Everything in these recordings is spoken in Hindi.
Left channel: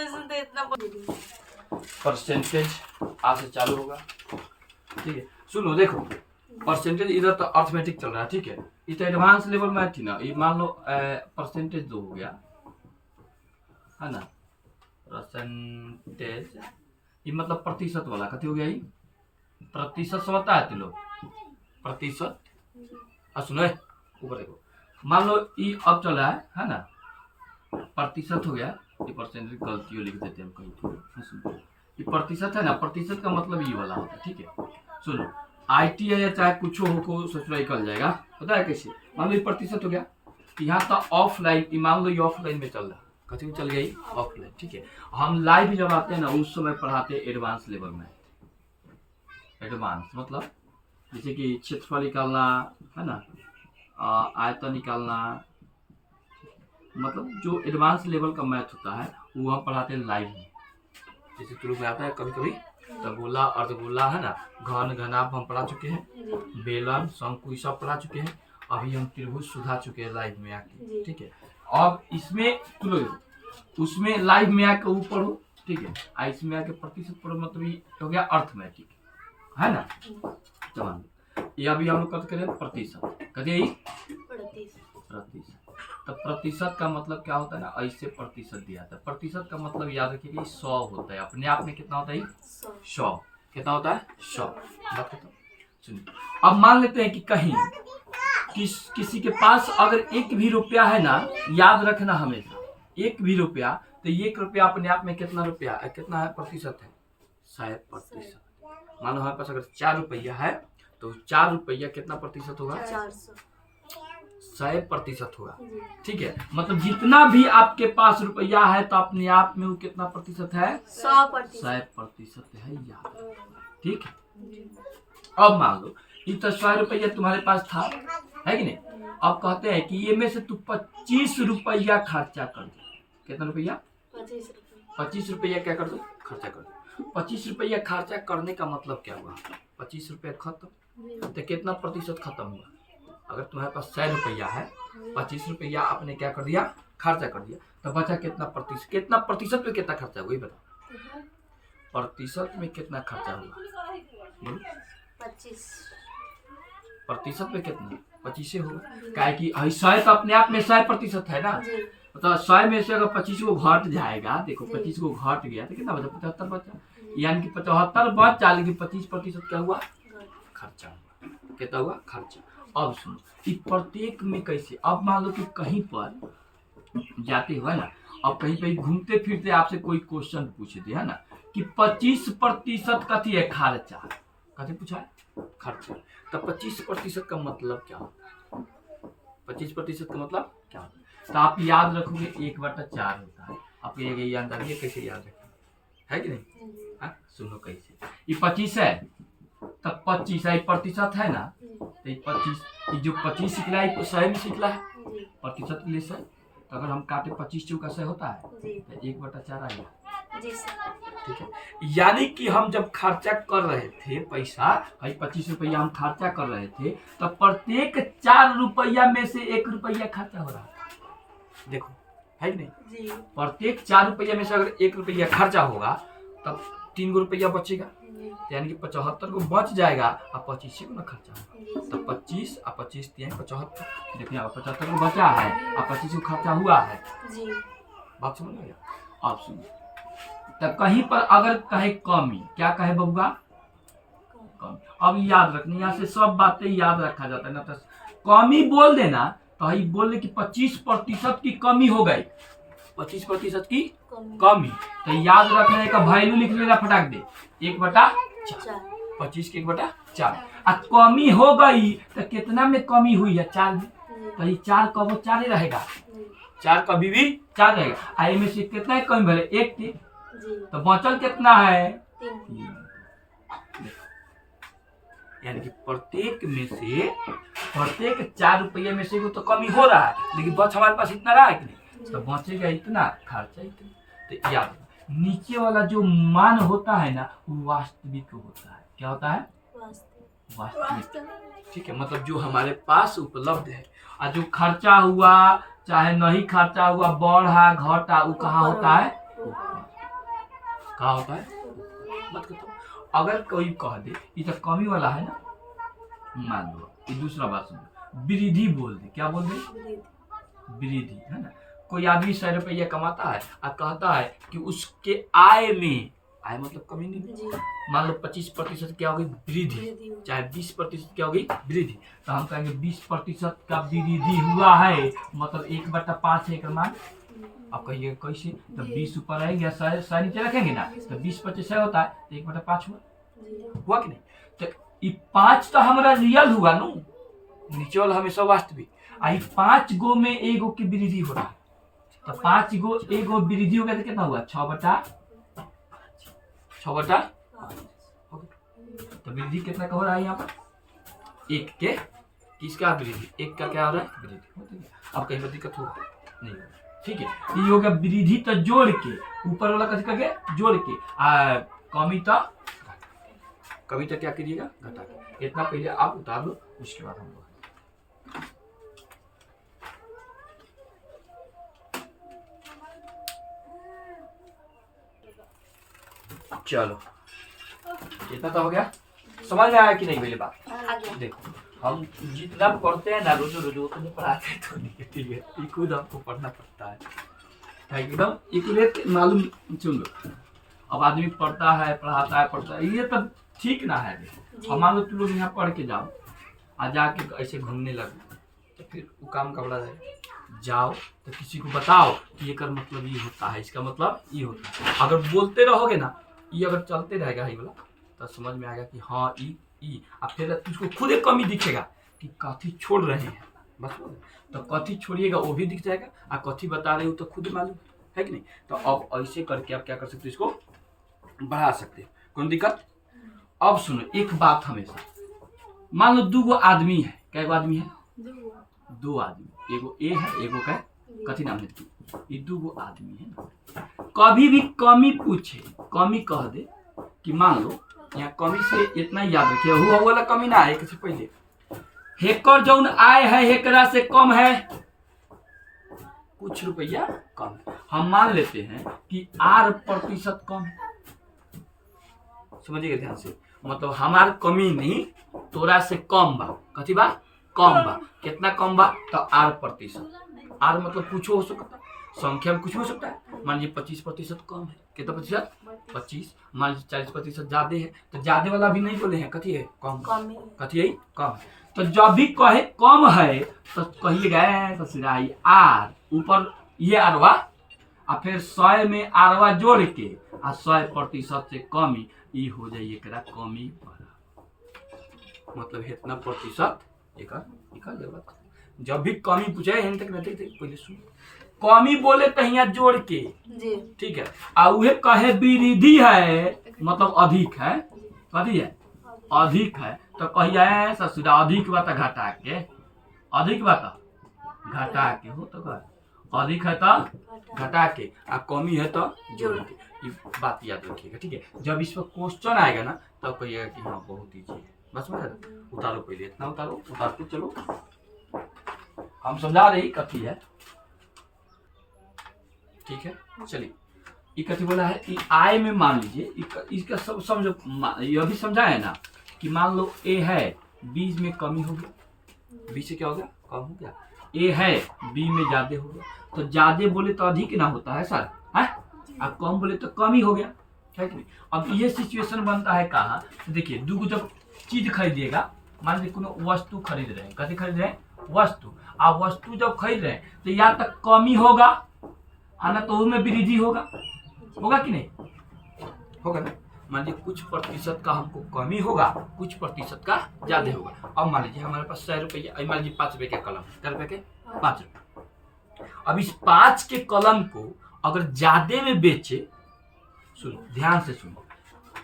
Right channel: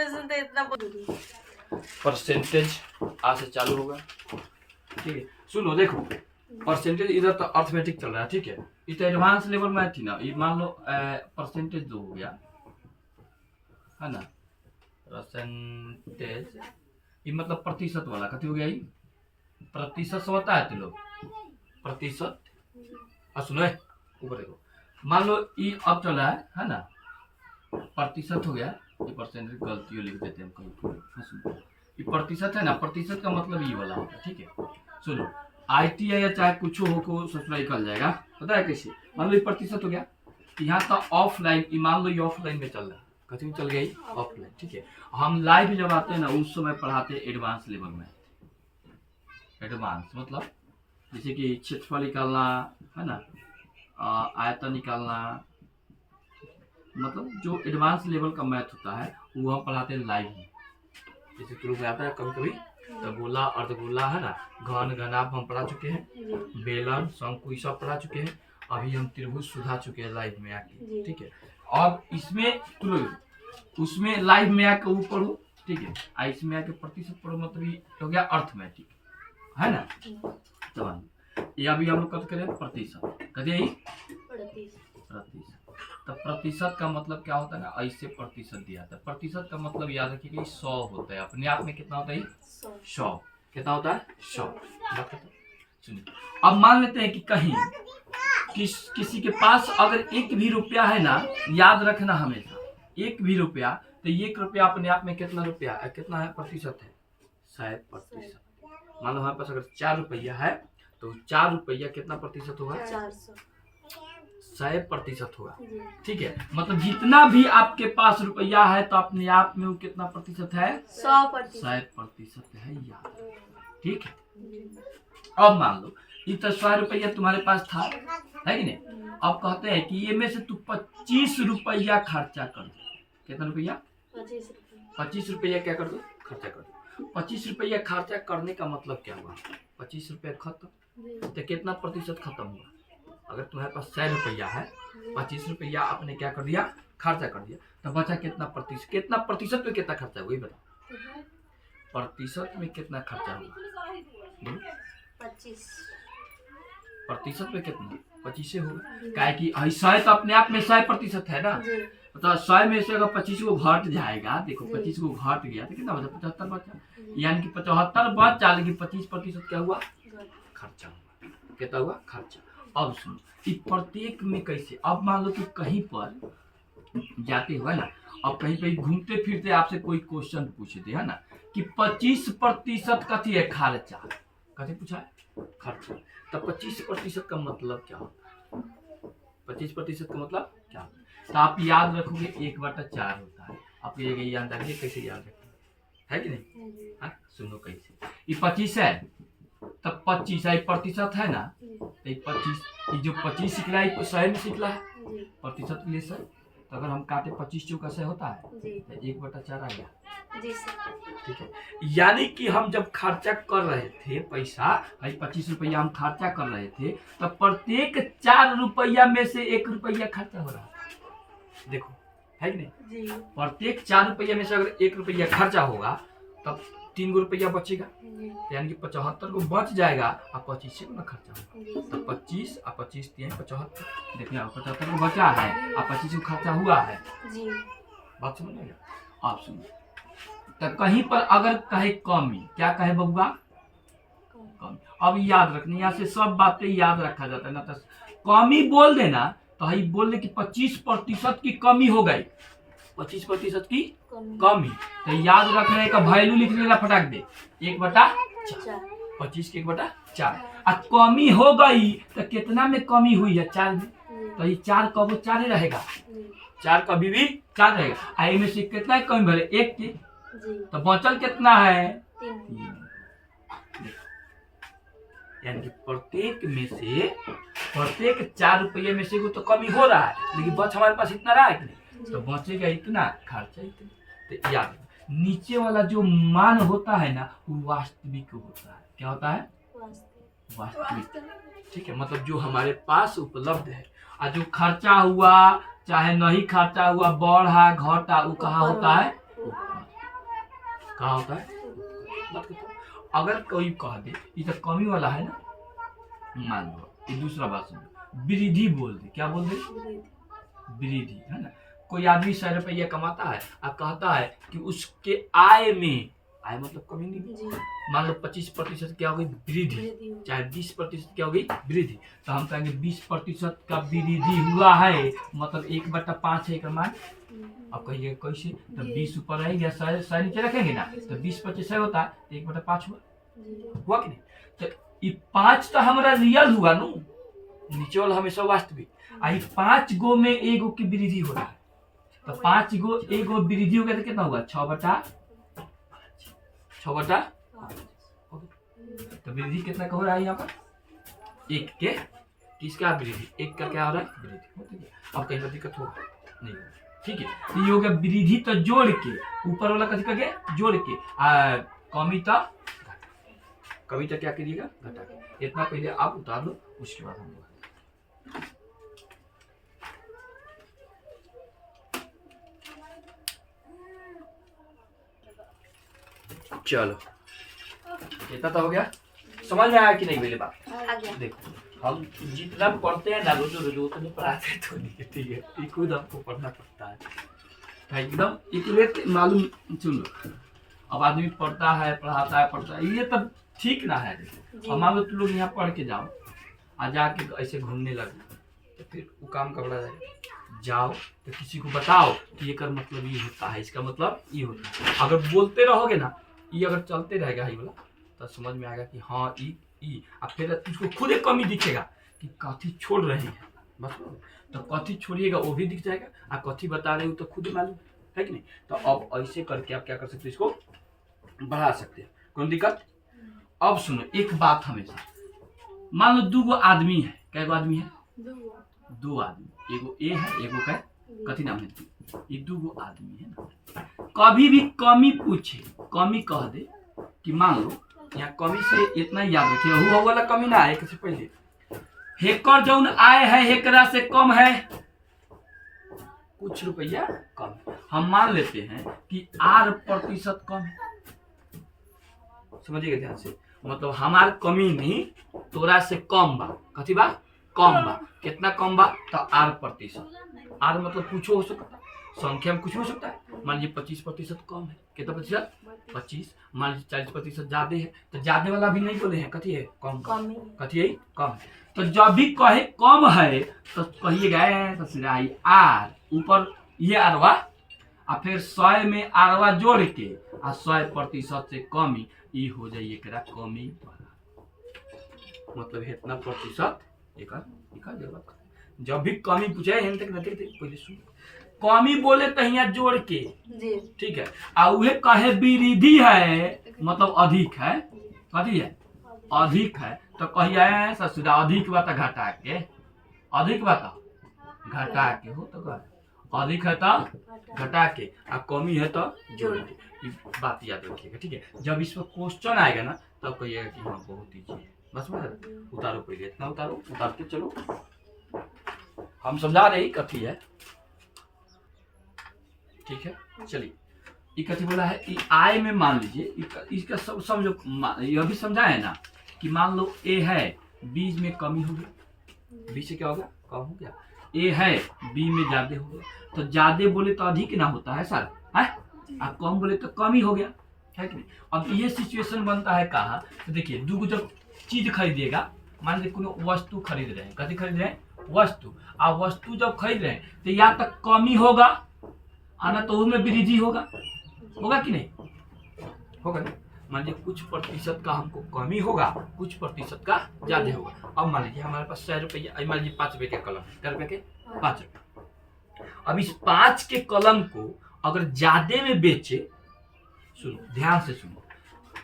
ऑपरेशन तो इतना परसेंटेज आज से चालू होगा, ठीक है। सुनो देखो, परसेंटेज इधर तो अर्थमेटिक चल रहा है, ठीक है। इधर एडवांस लेवल में थी ना, ये मान लो परसेंटेज दो हो गया है ना, परसेंटेज ये मतलब प्रतिशत वाला कथी हो गया, ये प्रतिशत समझता है तो लोग प्रतिशत। सुनो ऊपर देखो, मान लो ये अब चल रहा है ना, प्रतिशत हो गया, ये परसेंटेज गलती लिख देते हैं हम कहीं। सुनो ये प्रतिशत है ना, प्रतिशत का मतलब ये वाला होता है, ठीक है। सुनो ITI या चाहे कुछ हो को ससुराल निकल जाएगा, पता है कैसे। मान लो ये प्रतिशत हो गया, यहाँ था ऑफलाइन, मान लो ये ऑफलाइन में चल रहा, कथी में चल गई ऑफलाइन, ठीक है। हम लाइव जब आते हैं ना उस समय पढ़ाते हैं एडवांस लेवल में। एडवांस मतलब जैसे कि क्षेत्रफल निकालना है ना, आयतन निकालना, मतलब जो एडवांस लेवल का मैथ होता है वो हम पढ़ाते हैं लाइव में। जैसे शुरू में आता है कभी कभी गोला अर्धगोला है ना, घन घनाभ हम पढ़ा चुके हैं, बेलन शंकु सब पढ़ा चुके हैं। अभी हम त्रिभुज सुधा चुके हैं लाइव में आके, ठीक है। अब इसमें उसमें लाइव में आके वो पढ़ो, ठीक है। इसमें आके प्रतिशत पढ़ो, मतलब ये हो गया अर्थमेटिक है ना। तो ये अभी हम लोग करें प्रतिशत, कहिए प्रतिशत। तो प्रतिशत का मतलब क्या होता है ना, ऐसे प्रतिशत दिया था। प्रतिशत का मतलब याद रखिए कि 100 होता है, अपने आप में कितना होता है 100। कितना होता है 100। बात बताओ सुनिए, अब मान लेते हैं कि कहीं किसी के पास अगर 1 भी रुपया है ना, याद रखना हमेशा 1 भी रुपया, तो 1 रुपया अपने आप में कितना रुपया है, कितना है प्रतिशत है 100%। मान लो हमारे पास अगर 4 रुपया है तो 4 रुपया कितना प्रतिशत होगा 100% होगा, ठीक है। मतलब जितना भी आपके पास रुपया है तो अपने आप में वो कितना प्रतिशत है 100% है, याद, ठीक है। अब मान लो ये तो 100 रुपया तुम्हारे पास था, है कि नहीं। अब कहते हैं कि ये में से तू 25 रुपया खर्चा कर दो। कितना रुपया 25 रुपया क्या कर दो खर्चा कर दो। 25 रुपया खर्चा करने का मतलब क्या हुआ, 25 रुपया खत्म, तो कितना प्रतिशत खत्म हुआ। अगर तुम्हारे पास 100 रुपया है, 25 रुपया आपने क्या कर दिया खर्चा कर दिया, तो बचा कितना प्रतिशत, कितना प्रतिशत में कितना खर्चा हुआ, बताओ प्रतिशत में कितना खर्चा हुआ, 25% में कितना 25 होगा, क्या कि 100 तो अपने आप में 100% है ना। तो 100 में से अगर 25 को घट जाएगा, देखो 25 को घट गया तो कितना बचा 75 बचा, यानी कि 75 बचा, लेकिन 25% क्या हुआ खर्चा हुआ। कितना हुआ खर्चा। अब सुनो कि प्रत्येक में कैसे, अब मान लो कि कहीं पर जाते हुए ना, अब कहीं पे घूमते फिरते आपसे कोई क्वेश्चन पूछते है ना कि 25% कथी है खर्चा, कथी पूछा है खर्चा। तो 25% का मतलब क्या होता है, 25% का मतलब क्या होता है। तो आप याद रखोगे 1/4 होता है। आपको ये याद रखिए, कैसे याद रखें है कि नहीं। हाँ सुनो कैसे, ये 25 है तब 25 है प्रतिशत है ना, तो ये 25, ये जो 25 निकला है 100 में निकला है प्रतिशत के लिए 100। तो अगर हम काटे 25 चौका 100 होता है तो 1/4 आ गया, ठीक है। यानी कि हम जब खर्चा कर रहे थे पैसा, 25 रुपया हम खर्चा कर रहे थे, तो प्रत्येक 4 रुपया में से 1 रुपया खर्चा हो रहा है। देखो है कि नहीं, प्रत्येक 4 रुपया में से अगर 1 रुपया खर्चा होगा तब 3 रुपया बचेगा, यानी कि 75 को बच जाएगा और 25 को ना खर्चा होगा। तो 25 और 25 75, देखिए 75 को बचा है और 25 को खर्चा हुआ है। बात समझ में आया। आप सुनिए, तो कहीं पर अगर कहे कमी, क्या कहे बबुआ कमी। अब याद रखनी, यहाँ से सब बातें याद रखा जाता है ना। तो कमी बोल देना तो ये बोल दे कि 25% की कमी हो गई, 25% की कमी। तो याद रखने का वैल्यू लिख लेगा फटाक दे 1/4, 25 के 1/4। कमी हो गई तो कितना में कमी हुई है 4 में, तो ये 4 कब 4 रहेगा, 4 कभी भी 4 रहेगा। आई में से कितना कमी भले 1 की, तो बचल कितना है 3। यानी कि प्रत्येक में से प्रत्येक 4 रुपये में से तो कमी हो रहा है, लेकिन बच हमारे पास इतना रहा है कि नहीं, तो बचेगा इतना खर्चा इतना। तो याद नीचे वाला जो मान होता है ना वो वास्तविक होता है। क्या होता है वास्तविक, ठीक है। मतलब जो हमारे पास उपलब्ध है, और जो खर्चा हुआ चाहे नहीं खर्चा हुआ, बढ़ा घटा, वो कहाँ होता है ऊपर। क्या होता है बात करता हूँ। अगर कोई कह दे ये तो कमी वाला है ना, मान लो ये दूसरा बात सुनो, वृद्धि बोल दे, क्या बोल दे, वृद्धि, है ना। कोई आदमी 100 रुपया कमाता है और कहता है कि उसके आय में, आय मतलब कमी नहीं, मान लो 25% क्या होगी वृद्धि, चाहे 20% क्या होगी वृद्धि, तो हम कहेंगे 20% का वृद्धि हुआ है, मतलब 1/5 है का मान। अब कहिए कैसे, तो 20 ऊपर रहेंगे 100 नीचे रखेंगे ना, तो 20/25 होता है, तो 1/5 हुआ कि नहीं। तो ये 5 तो हमारा रियल हुआ नो, नीचे वाला हमेशा वास्तविक, आई 5 गो में एगो की वृद्धि हो रहा है, तो 5 गो एगो वृद्धि हो गया तो कितना हुआ 6/6 तो वृद्धि कितना का हो रहा है यहाँ पर, 1 के किसका वृद्धि, 1 का क्या हो रहा है वृद्धि होती है। अब कहीं पर दिक्कत होगा नहीं, ठीक है। ये हो गया वृद्धि तो जोड़ के, ऊपर वाला कैसे करके जोड़ के, कमी तो कभी तो क्या करिएगा घटा के, इतना पहले आप उतार लो, उसके बाद हम लोग चलो इतना तो हो गया, समझ में आया कि नहीं पहले बात। देखो हम जितना पढ़ते हैं ना रोज रोज उतने पढ़ाते तो नहीं, ठीक है, खुद हमको पढ़ना पड़ता है एकदम इक्वलेट मालूम। सुन लो, अब आदमी पढ़ता है पढ़ता है ये तब ठीक ना है। देखो मान लो तुम लोग यहाँ पढ़ के जाओ और जाके ऐसे घूमने लगे तो फिर वो काम का बड़ा जाएगा। जाओ तो किसी को बताओ कि ये कर मतलब ये होता है, इसका मतलब ये होता है। अगर बोलते रहोगे ना, ये अगर चलते रहेगा ये वाला, तो समझ में आएगा कि हाँ ई अब फिर उसको खुद एक कमी दिखेगा कि कथी छोड़ रहे हैं, बस तो कथी छोड़िएगा वो भी दिख जाएगा, और कथी बता रहे हो तो खुद मालूम है कि नहीं। तो अब ऐसे करके आप क्या कर सकते हो, इसको बढ़ा सकते हैं, कोई दिक्कत। अब सुनो एक बात, हमेशा मान लो 2 आदमी है, क्या आदमी है 2 आदमी, एगो ए है एगो का कथी नाम है, ये 2 आदमी है ना। कभी भी कमी पूछे, कमी कह दे कि मान लो यहाँ कमी से इतना याद रखिए, हुआ वाला कमी ना है, से पहले हेकर जौन आय है हेकरा से कम है, कुछ रुपया कम है। हम मान लेते हैं कि 8% कम है, समझिएगा ध्यान से, मतलब हमार कमी नहीं तोरा से कम बा, कथी बा कम बा, कितना कम बा तो 8%। आर मतलब कुछ हो सकता है, संख्या में कुछ हो सकता है। मान लीजिए 25% कम है, कितना प्रतिशत 25, मान लीजिए 40% ज्यादा है, तो ज्यादा वाला भी नहीं बोले हैं, कथी है कम, कथी है कम है। तो जब भी कहे कम है तो कहिएगा ससुराई आर, ऊपर ये आरवा और फिर 100 में आरवा जोड़ के आ 100% से कमी, ये हो जाइए कमी बड़ा, मतलब इतना प्रतिशत एक जब भी कमी पूछे हैं तक नहीं थे पहले सुन, कमी बोले तो यहाँ जोड़ के, ठीक है। और वह कहे वृद्धि है मतलब अधिक है, कथी है अधिक है, तो कहिए ससुरा अधिक बात घटा के, अधिक बात घटा के हो, तो अधिक है तो घटा के, और कमी है तो जोड़ के, ये बात याद रखिएगा, ठीक है। जब इस पर क्वेश्चन आएगा ना तब कहिएगा कि हाँ बहुत ईजी है, बस मैं उतारो पहले इतना उतारो, उतार के चलो हम समझा रहे कथी है, ठीक है। चलिए ये कथी बोला है कि आय में मान लीजिए इसका सब समझो, यह भी समझा है ना कि मान लो ए है बी में कमी हो गया, बी से क्या हो गया कम हो गया, ए है बी में ज्यादा हो गया, तो ज्यादा बोले तो अधिक ना होता है सर, है, और कम बोले तो कम ही हो गया, है कि नहीं। अब ये सिचुएशन बनता है कहाँ, तो देखिए 2 जब चीज खरीदिएगा, मान लीजिए कोनो वस्तु खरीद रहे हैं, कथी खरीद रहे हैं वस्तु, और वस्तु जब खरीद रहे हैं तो या तक कमी होगा आना तो उसमें वृद्धि होगा कि नहीं होगा ना। मान लीजिए कुछ प्रतिशत का हमको कमी होगा, कुछ प्रतिशत का ज्यादा होगा। अब मान लीजिए हमारे पास 100 रुपया, मान लीजिए 5 रुपये का कलम है, क्या रुपये के 5 रुपये। अब इस 5 के कलम को अगर ज्यादा में बेचे, सुनो ध्यान से सुनो,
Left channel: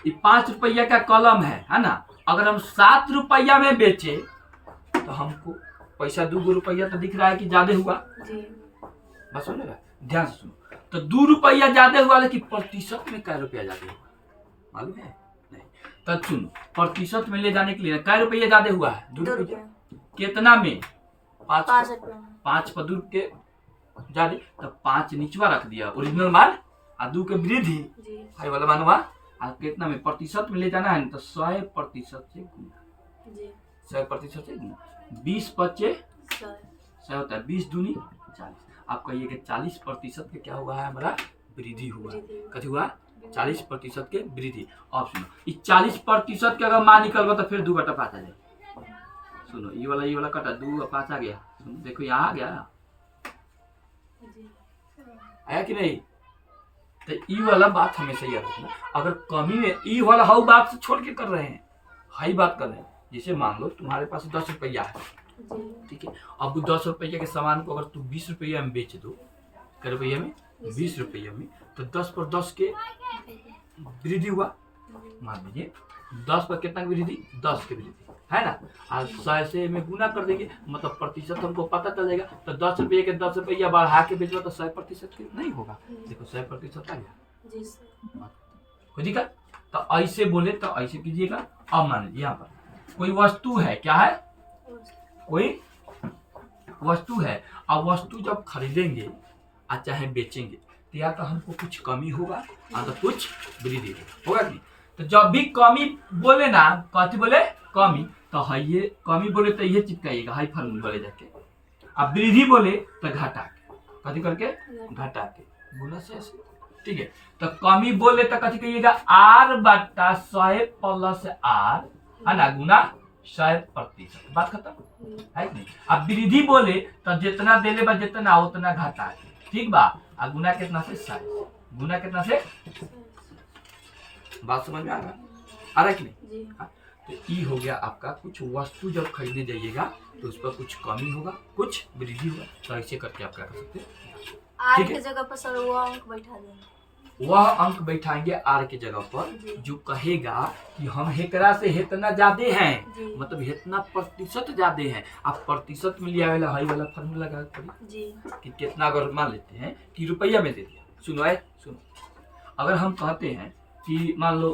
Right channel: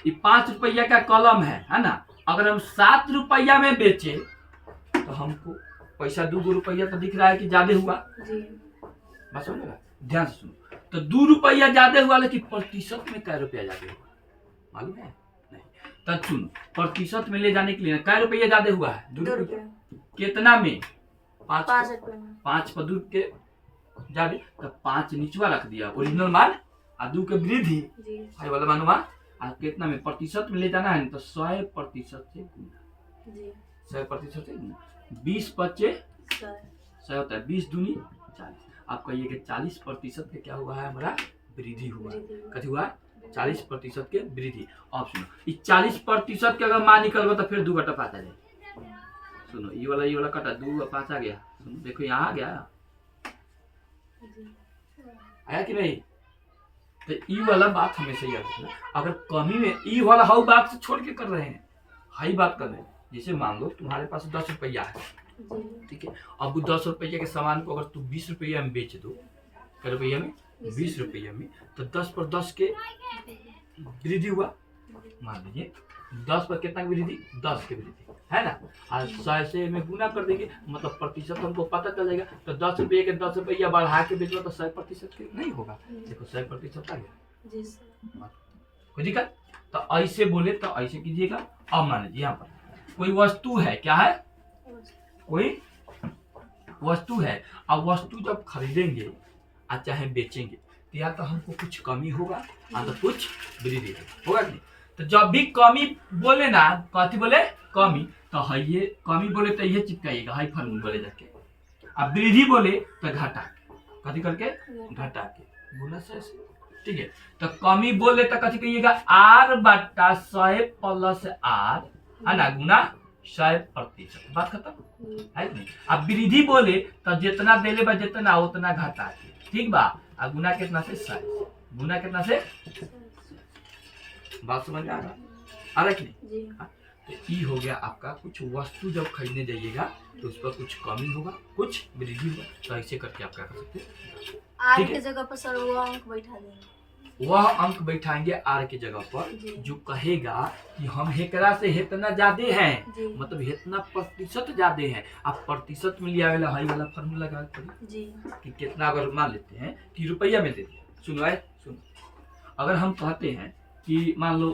ये 5 रुपया का कलम है ना, अगर हम 7 रुपया में बेचे तो हमको पैसा 2 रुपया तो दिख रहा है कि ज्यादा हुआ, बस सुनेगा ध्यान से सुनो। तो 2 रुपया ज्यादा हुआ, लेकिन प्रतिशत में क्या रुपया ज्यादा हुआ मालूम है नहीं। तो सुनो प्रतिशत में ले जाने के लिए क्या रुपया ज्यादा हुआ है 2 रुपया, कितना में 5 पर 2 के ज्यादा, तो 5 नीचवा रख दिया, ओरिजिनल मान आ 2 के वृद्धि जी है वाला मानवा आ कितना में प्रतिशत में ले जाना है ना, तो 100% से गुना, जी 100% से गुना। 20 पच्चे 100 100 होता है, 20 दूनी 40। आप कहिए कि 40% के क्या हुआ है हमारा वृद्धि हुआ। वृद्धि। कथी हुआ 40% के वृद्धि। अब सुनो इस 40% के अगर मान निकलबो तो फिर 2 घटा 5 आ जाए। सुनो ये वाला कटा 2 और 5 आ गया। सुनो देखो यहाँ आ गया, जी आया कि नहीं। तो ई वाला बात हमेशा याद रखना। अगर कमी में ई वाला हाउ बात से छोड़ के कर रहे हैं, हाई बात कर रहे हैं। जैसे मान लो तुम्हारे पास 10 रुपया है, जी ठीक है। अब वो 10 रुपये के सामान को अगर तू 20 रुपया में बेच दो, क्या रुपया में 20 रुपये में, तो 10 पर 10 के वृद्धि हुआ। मान लीजिए 10 पर कितना की वृद्धि, 10 की वृद्धि है ना। आज 100 से में गुना कर देंगे, मतलब प्रतिशत हमको पता चल जाएगा। तो 10 रुपये के 10 रुपया बढ़ा के बेचो तो 100% के नहीं होगा। देखो 100% आ गया, जी सर कोई दिक्कत। तो ऐसे बोले तो ऐसे कीजिएगा। अब मान लीजिए यहाँ पर कोई वस्तु है, क्या है, कोई वस्तु है। अब वस्तु जब खरीदेंगे और चाहे बेचेंगे तो या तो हमको कुछ कमी होगा या तो कुछ वृद्धि होगा कि नहीं। तो जब भी कमी बोले ना, कथी बोले कमी, तो है ये कमी बोले तो ये चिपकाइएगा हाई फार्मूला बोले जाके। अब वृद्धि बोले तो घटा के, कथी करके घटा के बोला से ऐसे, ठीक है। तो कमी बोले तो कथी कहिएगा R बटा 100 प्लस R है ना, गुना 100%। बात खत्म है कि नहीं। अब वृद्धि बोले तो जितना देले बा जितना उतना घटा के, ठीक बा। आ गुना कितना से 100, गुना कितना से, बात समझ में आ रहा है कि नहीं। जी हाँ? तो ई हो गया आपका। कुछ वस्तु जब खरीदने जाइएगा तो उस पर कुछ कमी होगा कुछ वृद्धि होगा। तो ऐसे करके आप क्या कर सकते हैं, आर ठीक के है। जगह पर सर वो अंक बैठा देंगे। वह अंक बैठाएंगे आर की जगह पर जी। जो कहेगा कि हम हेकरा से हेतना ज्यादा हैं, जी मतलब हेतना प्रतिशत ज्यादा है। आप प्रतिशत में लिया वाला हाई वाला फार्मूला लगा पड़ी जी कि कितना। अगर मान लेते हैं कि रुपया में दे दिया, सुनो आए सुनो। अगर हम कहते हैं कि मान लो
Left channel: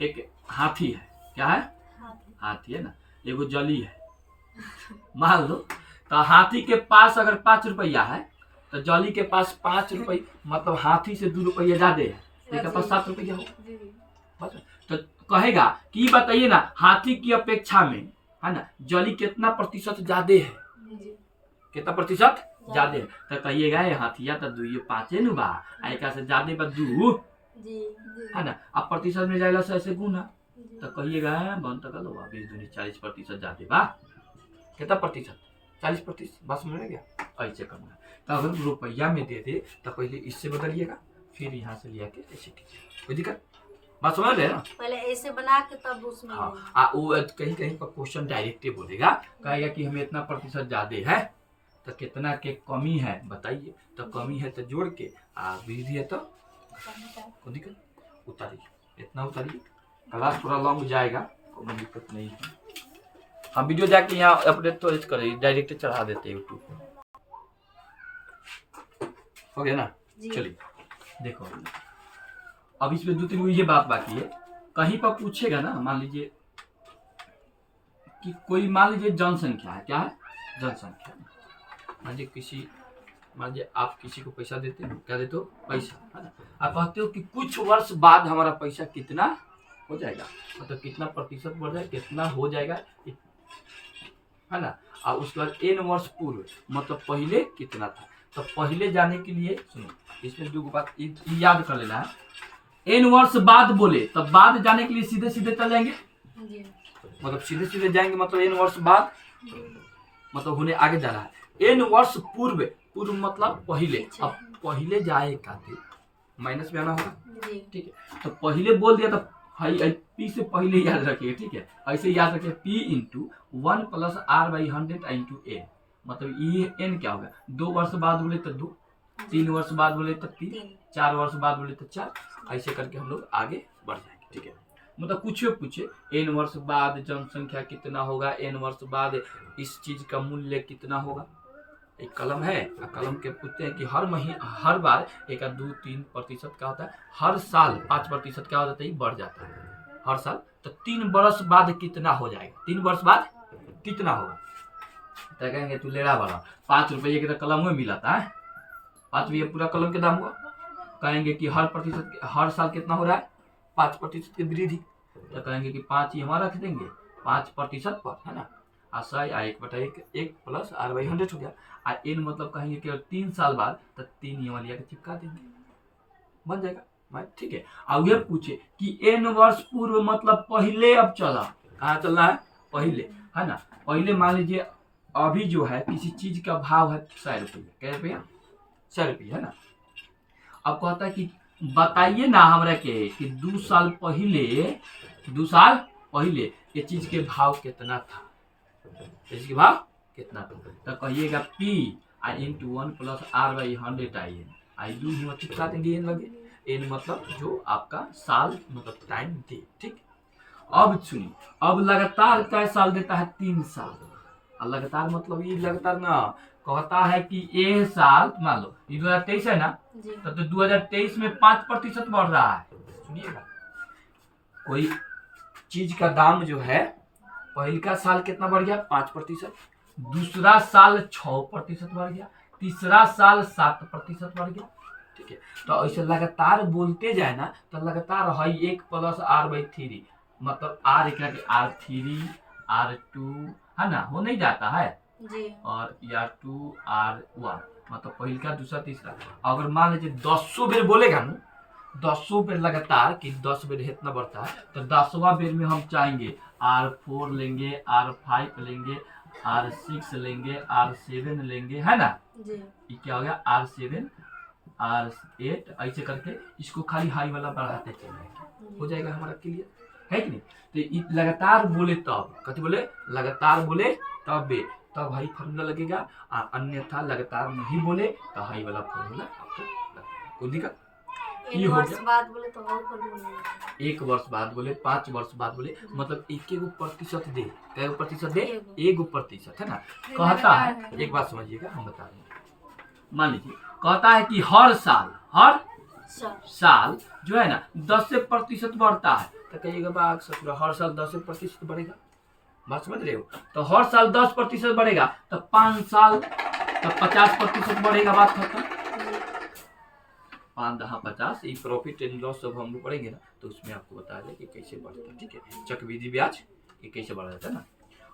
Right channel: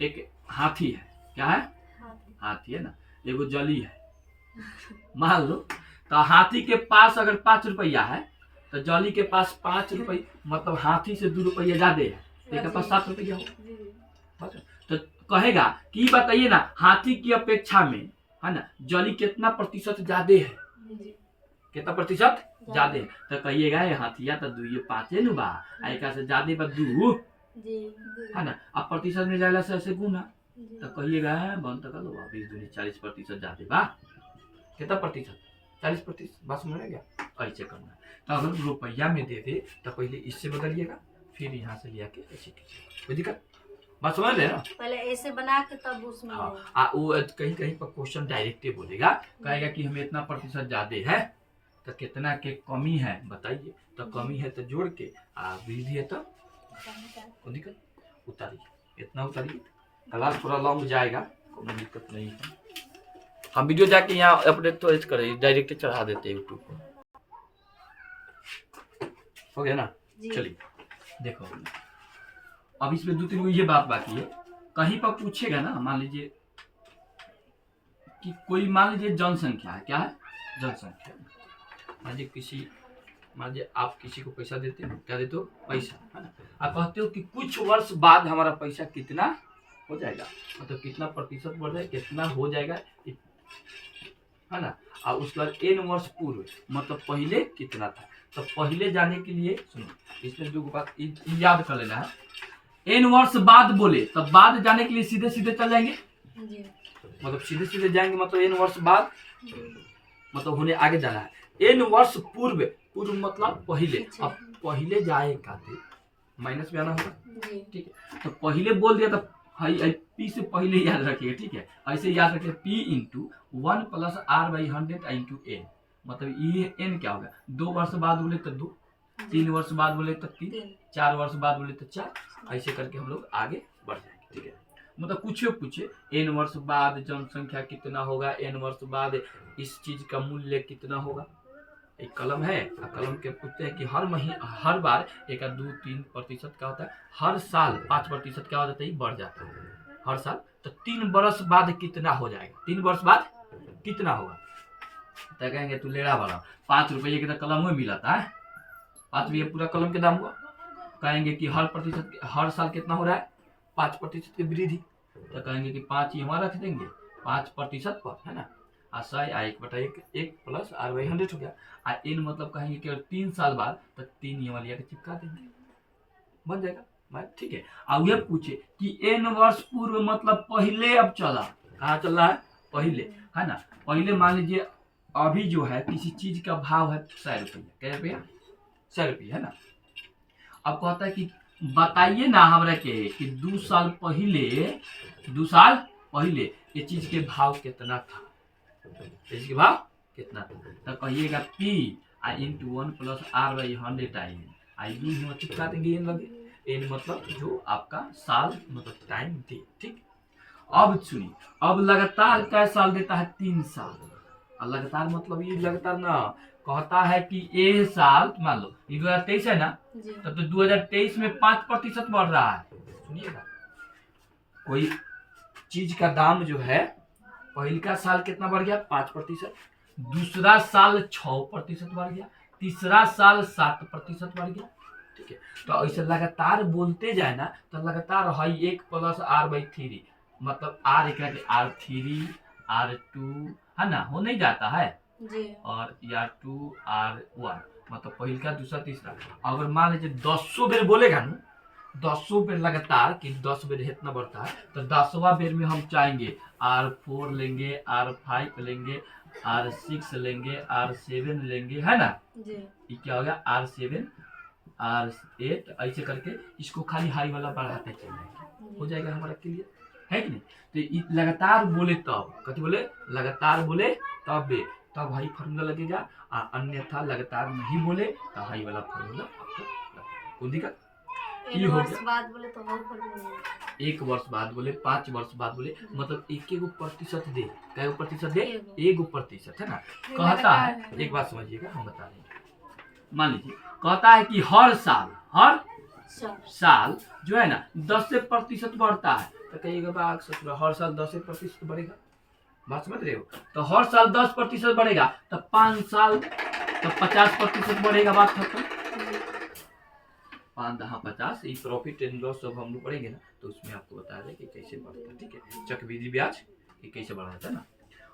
एक हाथी है, क्या है, हाथी है ना, एगो जली है मान लो। तो हाथी के पास अगर 5 रुपया है तो जली के पास 5 रुपये, मतलब हाथी से 2 रुपया ज्यादा है, इसके पास 7 रुपया हो। जी तो कहेगा कि बताइए ना हाथी की अपेक्षा में है ना जली कितना प्रतिशत ज्यादा है, जी कितना प्रतिशत ज्यादा है। तो कहिएगा ये हाथिया तो 2 5 नु बा, आइका से ज्यादा बा 2 जी है ना। अब प्रतिशत में जाएगा से ऐसे गुना, जी तो कहिएगा बन तक लो 20 दूनी 40% ज्यादा बा, कितना प्रतिशत 40%। बस समझ में गया। ऐसे करना है। तो अगर रुपया में दे दे तो पहले इससे बदलिएगा, फिर यहाँ से लिया के ऐसे कीजिए, कोई दिक्कत। बात समझ रहे ना। पहले ऐसे बना के तब उसमें हाँ देंगे। वो कहीं कहीं पर क्वेश्चन डायरेक्ट बोलेगा, कहेगा कि हमें इतना प्रतिशत ज्यादा है तो कितना के कमी है बताइए। तो कमी है तो जोड़ के, वृद्धि है तो कोई दिक्कत उतारिए, इतना उतारिए। क्लास थोड़ा लॉन्ग जाएगा, कोई दिक्कत नहीं है। हम वीडियो जाके यहाँ अपडेट तो करें, डायरेक्ट चढ़ा देते हैं यूट्यूब पर, हो गया ना। जी चलिए देखो अब इसमें 2-3 गो ये बात बाकी है। कहीं पर पूछेगा ना, मान लीजिए कि कोई, मान लीजिए जनसंख्या है, क्या है जनसंख्या। मान लीजिए आप किसी को पैसा देते हो, क्या देते हो पैसा, है ना। आप कहते हो कि कुछ वर्ष बाद हमारा पैसा कितना हो जाएगा, मतलब कितना प्रतिशत बढ़ जाए, कितना हो जाएगा, है ना। और उसके बाद n वर्ष पूर्व, मतलब पहले कितना था। तो पहले जाने के लिए सुनो, इसमें 2 बात याद कर लेना है। n वर्ष बाद बोले तो बाद जाने के लिए सीधे सीधे चल जाएंगे, जी मतलब सीधे सीधे जाएंगे, मतलब n वर्ष बाद, मतलब होने आगे जाना है। n वर्ष पूर्व, पूर्व मतलब पहले। अब पहले जाए खातिर माइनस में आना होगा, जी ठीक है। तो पहले बोल दिया तो पी से पहले याद रखिए, ठीक है। ऐसे याद रखिए p into 1 plus R/100 into n, मतलब ये n क्या होगा। 2 वर्ष बाद बोले तो 2, 3 वर्ष बाद बोले तो 3, 4 वर्ष बाद बोले तो 4। ऐसे करके हम लोग आगे बढ़ जाएंगे, ठीक है। मतलब कुछ पूछे n वर्ष बाद जनसंख्या कितना होगा, n वर्ष बाद इस चीज का मूल्य कितना होगा। एक कलम है, कलम के पूछते हैं कि हर बार 1-2-3% क्या होता है, हर साल 5% क्या हो जाता है, बढ़ जाता है हर साल। तो 3 वर्ष बाद कितना हो जाएगा, 3 वर्ष बाद कितना होगा। तो कहेंगे तू लेड़ा वाला 5 रुपये के तो कलम में मिला था, 5 रुपये पूरा कलम के दाम हुआ। कहेंगे कि हर साल कितना हो रहा है 5% की वृद्धि, तो कहेंगे कि 5 ही हमारा रख देंगे 5% पर, है ना। आ 100 आ 1/1 प्लस r/100 हो गया। आ n मतलब कहेंगे कि 3 साल बाद, तो 3 ये वाली के चिपका देंगे, बन जाएगा भाई, ठीक है। अब ये पूछे कि n वर्ष पूर्व मतलब पहले अब चला, कहाँ चलना है पहले, है ना। पहले मान लीजिए अभी जो है किसी चीज का भाव है 100 रुपया, क्या रुपया 100 रुपया, है ना। अब कहता है कि बताइए ना हमरा के कि 2 साल पहले ये चीज के भाव कितना था, इसके भाव कितना था, तो कहिएगा P इंटू 1 प्लस r/100 आई यू ही चिपका देंगे n लगे, n मतलब जो आपका साल मतलब टाइम दे, ठीक। अब सुनिए, अब लगातार कै साल देता है 3 साल, और लगातार मतलब ये लगातार ना, कहता है कि ये साल मान लो ये 2023 है ना, तब तो 2023 में 5% बढ़ रहा है। सुनिएगा, कोई चीज का दाम जो है पहले का साल कितना बढ़ गया 5%, दूसरा साल 6% बढ़ गया, तीसरा साल 7% बढ़ गया, ठीक है। तो ऐसे लगातार बोलते जाए ना, तो लगातार है 1 प्लस r/3 मतलब r एक r3 r2, है ना, हो नहीं जाता है जी। और या 2r1 मतलब पहले का दूसरा तीसरा। अगर मान लीजिए 100 बेर बोलेगा ना, 100 बेर लगातार कि 10 बेर इतना बढ़ता है, तो 10वां बेर में हम चाहेंगे r4 लेंगे, r5 लेंगे, r6 लेंगे, r7 लेंगे, है ना। जी। ये क्या हो गया r7 r8, ऐसे करके इसको खाली हाई वाला बढ़ाते चलेंगे, हो जाएगा हमारा क्लियर, है कि नहीं। तो लगातार बोले तब, कथी बोले लगातार बोले तब हाई फार्मूला लगेगा, और अन्यथा लगातार नहीं बोले तो हाई वाला फार्मूला आपको लगेगा, कोई दिक्कत। एक वर्ष बाद बोले तो और फार्मूला, 1 वर्ष बाद बोले, 5 वर्ष बाद बोले, मतलब 1% दे, कै प्रतिशत दे 1%, है ना। कहता है एक बात समझिएगा, हम बता रहे हैं, मान लीजिए कहता है कि हर साल जो है ना 10% बढ़ता है, तो कहिएगा बाग ससुरा हर साल 10% बढ़ेगा, बात समझ रहे हो। तो हर साल 10% बढ़ेगा, तो 5 साल तो 50% बढ़ेगा, बात खत्म। 5 10 50 ये प्रॉफिट एंड लॉस सब हम लोग पढ़ेंगे ना, तो उसमें आपको बता दें कि कैसे बढ़ता है, ठीक है। चक्रवृद्धि ब्याज ये कैसे बढ़ जाता है ना।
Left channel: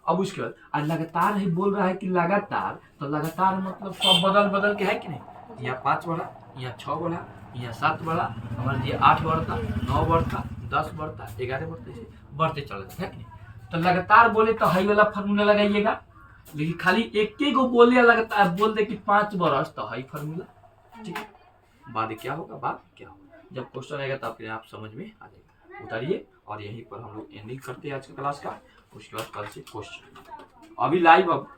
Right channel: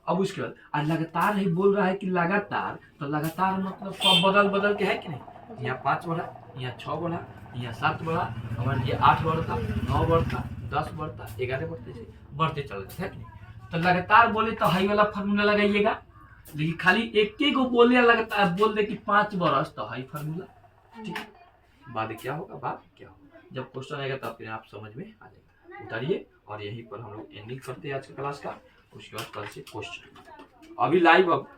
अब उसके बाद आज लगातार ही बोल रहा है कि लगातार, तो लगातार मतलब सब बदल के है कि नहीं, यहाँ 5 बढ़ा, यहाँ 6 बढ़ा, यहाँ 7 बढ़ा, हमारे ये 8 बढ़ता, 9 बढ़ता, 10 बढ़ता, 11 बढ़ता, ऐसे बढ़ते चल जाते है कि नहीं। तो लगातार बोले तो हाई वाला फार्मूला लगाइएगा, लेकिन खाली एक गो बोले लगातार बोल दे कि 5 बरस, तो हाई फार्मूला, ठीक है। बाद क्या होगा, जब क्वेश्चन आएगा तो अपने आप समझ में आ जाएगा। उतारिए, और यहीं पर हम लोग एंडिंग करते हैं आज के क्लास का। उसके बाद कल से क्वेश्चन अभी लाइव अब